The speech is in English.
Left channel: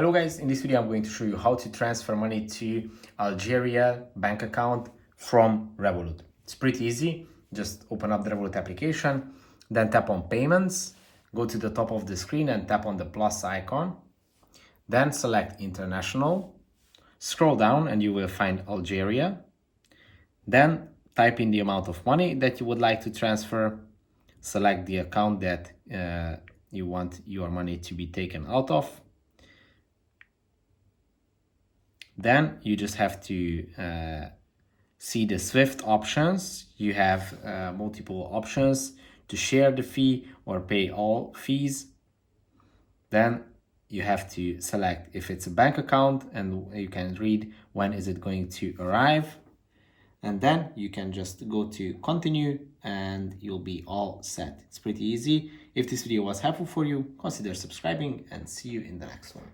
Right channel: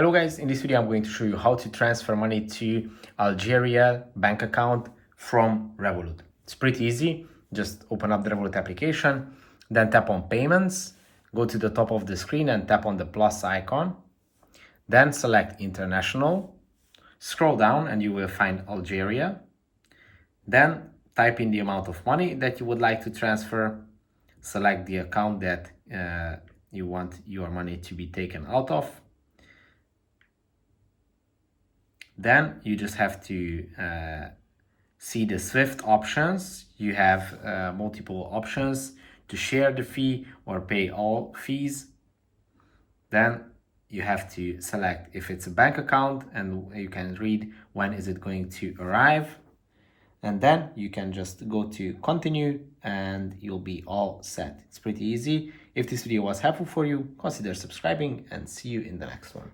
Hello guys, in this video I'm going to show you how to transfer money to Algeria bank account from Revolut. It's pretty easy. Just open up the Revolut application, then tap on payments, go to the top of the screen and tap on the plus icon. Then select international, scroll down and you will find Algeria. Then type in the amount of money that you would like to transfer. Select the account that you want your money to be taken out of. Then you just have to see the SWIFT options. You have multiple options to share the fee or pay all fees. Then you have to select if it's a bank account and you can read when is it going to arrive. And then you can just go to continue and you'll be all set. It's pretty easy. If this video was helpful for you, consider subscribing and see you in the next one.